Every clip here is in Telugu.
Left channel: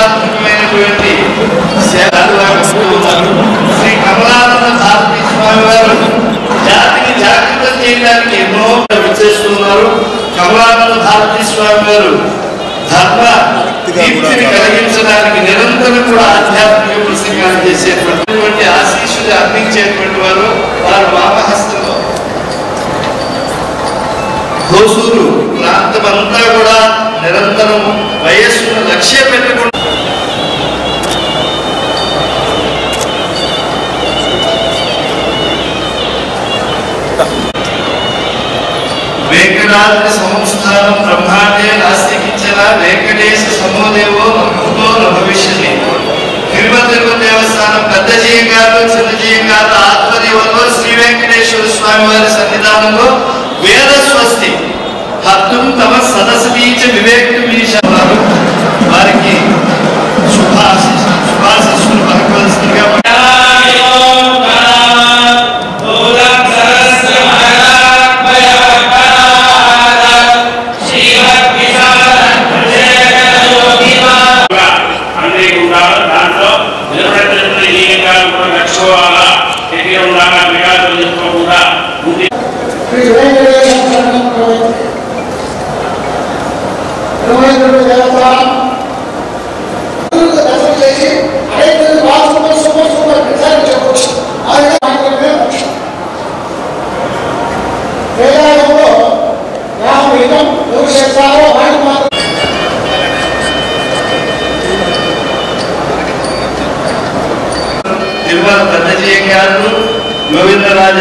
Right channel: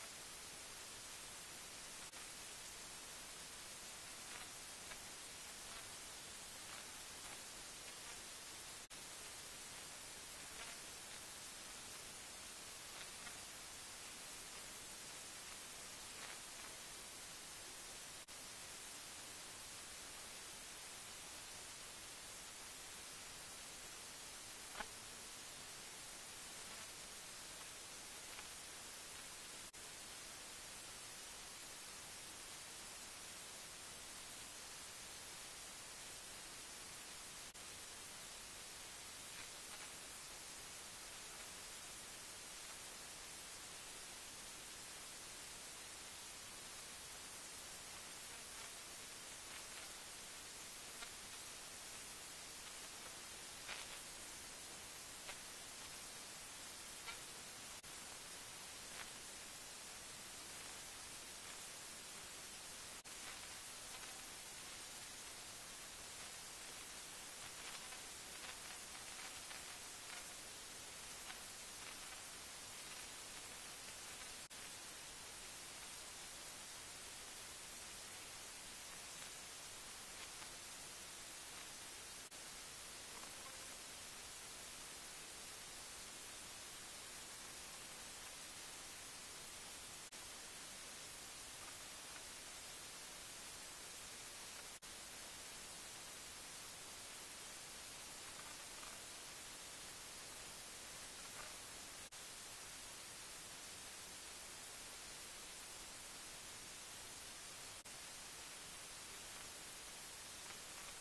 సేవాత్మకమైనటువంటి సేవలు శ్రీ కమలానంద భారతీ స్వామి వారు జాతిని జాగృతం చేయడానికి ఎన్నో చేస్తున్నారు. కమలానంద భారతీ స్వామి వారు ధర్మ దీప్తిని కలిగించడానికి నిరంతరం కూడా ఆధ్యాత్మిక ప్రసంగాలు చేసేటువంటి ఆశీస్సులు అందించేటువంటి వారు వామహస్తంలో హోసూరు ప్రాంతం అంతా కూడా నిరంతరం వయస్సును లక్ష్యం పెట్టుకుంటూ वेंकटाद्रि संस्थानं ब्रह्मांडे नास्तिकिंचन वेंकटेश समोदेवो भक्तो न भविष्यति तिरुपति देवस्थानं పెద్దజీయ గారు చిన్నజీయ గారు ఆధ్వర్యంలో శ్రీ వెంకటేశ్వర స్వామి వారి సన్నిధానంలో వేద స్వస్తి హత్తుం తమ సదసతీచ వివేక్తుమీశారు వారికి శుభాశీస్సులు పలకవలసిందిగా తిరుమల పెద్దజీయ గారు గోవిందరాజ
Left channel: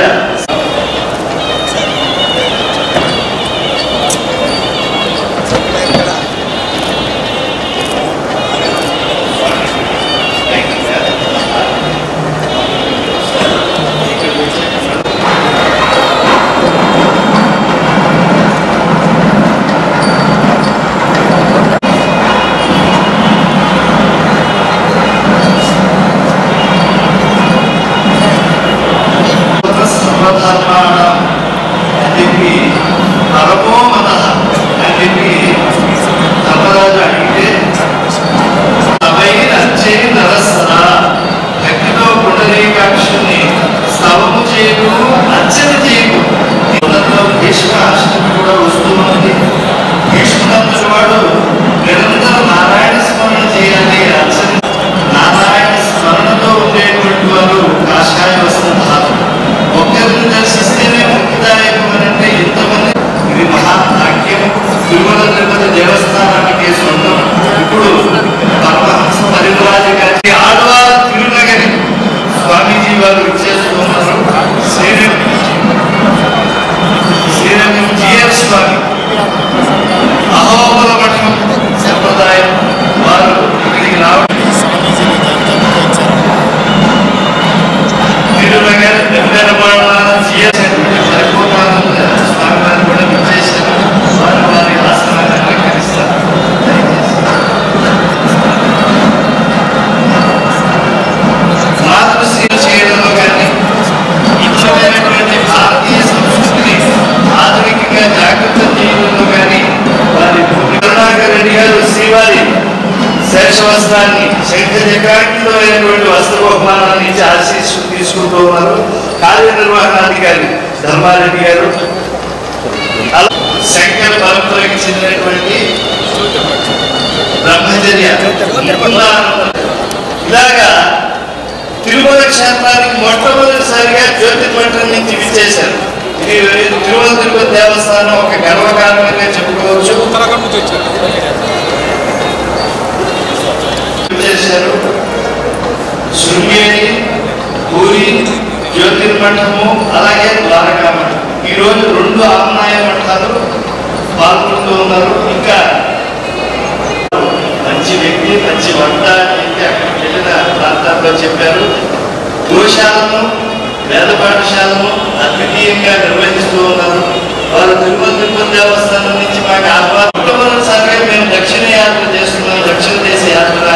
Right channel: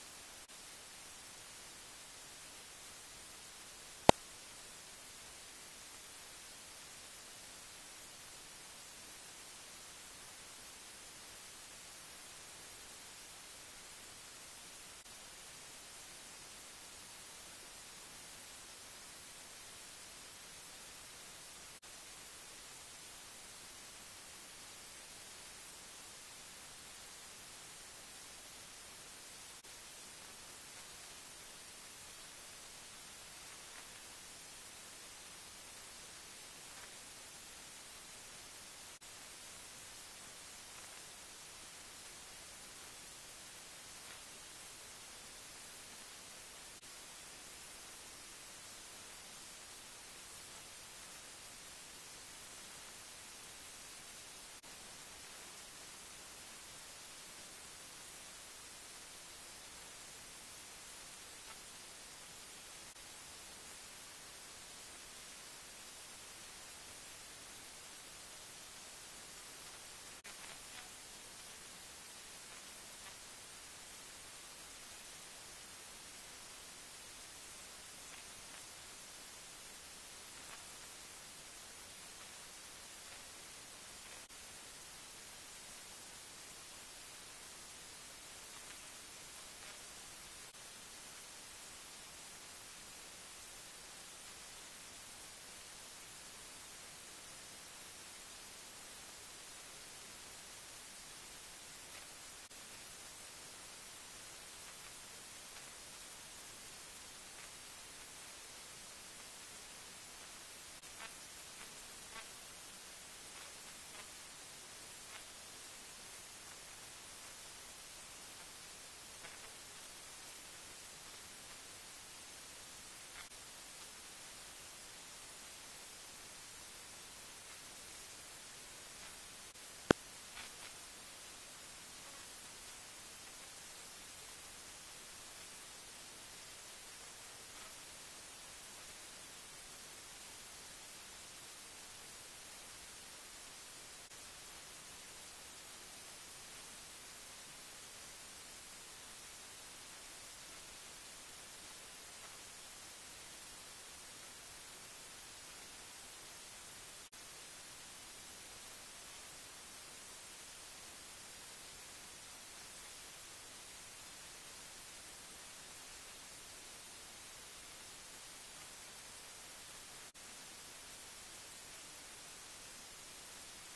శేషవస్త్రాన్ని శంఖచక్రాంకితమైనటువంటి వస్త్ర బహుమానాన్ని ఇచ్చి ఆశీస్సులు తీసుకుంటూ ఉన్నారు కార్యనిర్వహణాధికారి ధర్మారెడ్డి గారు. శంకర పరంపరకి చెందినటువంటి బ్రహ్మచర్య ఇలాగా తిరుమల క్షేత్రానికి మొట్టమొదటిసారిగా జ్యోతిర్మఠం నుంచి విచ్చేశారు. ఇది తిరుమల తిరుపతి దేవస్థానం ఒక గర్వకారణంగా చెప్పుకోవచ్చు. శృంగేరి, పూరి, జ్యోతిర్మఠము అలాగే ద్వారకా మఠం ఈరోజు 2 ఆమ్నాయ మఠాలు పాల్గొంటూ ఉన్నారు. ఇంకా మంచి వ్యక్తి మంచి వంట అయితే అక్కడికి వెళ్ళిన ప్రాంతాల్లో చెప్పారు. గోశాలను వేద పాఠశాలను అద్వితీయంగా నిర్వహిస్తూ ఉన్నారు. వారు తిరుమల తిరుపతి దేవస్థానం నుంచి మాకు మొట్టమొదటిసారిగా మేము దక్షిణ యాత్ర చేస్తున్నాం. దక్షిణ దేశ యాత్ర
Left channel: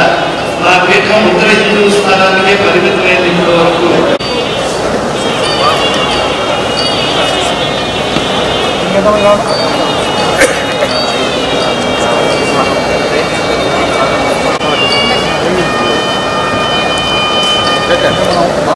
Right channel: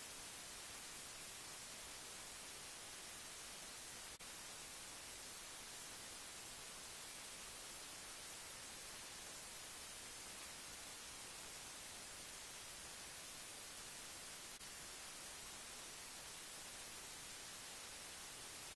మా పీఠం ఉత్తర హిందూ స్థానానికే పరిమితమైంది ఇప్పటి వరకు.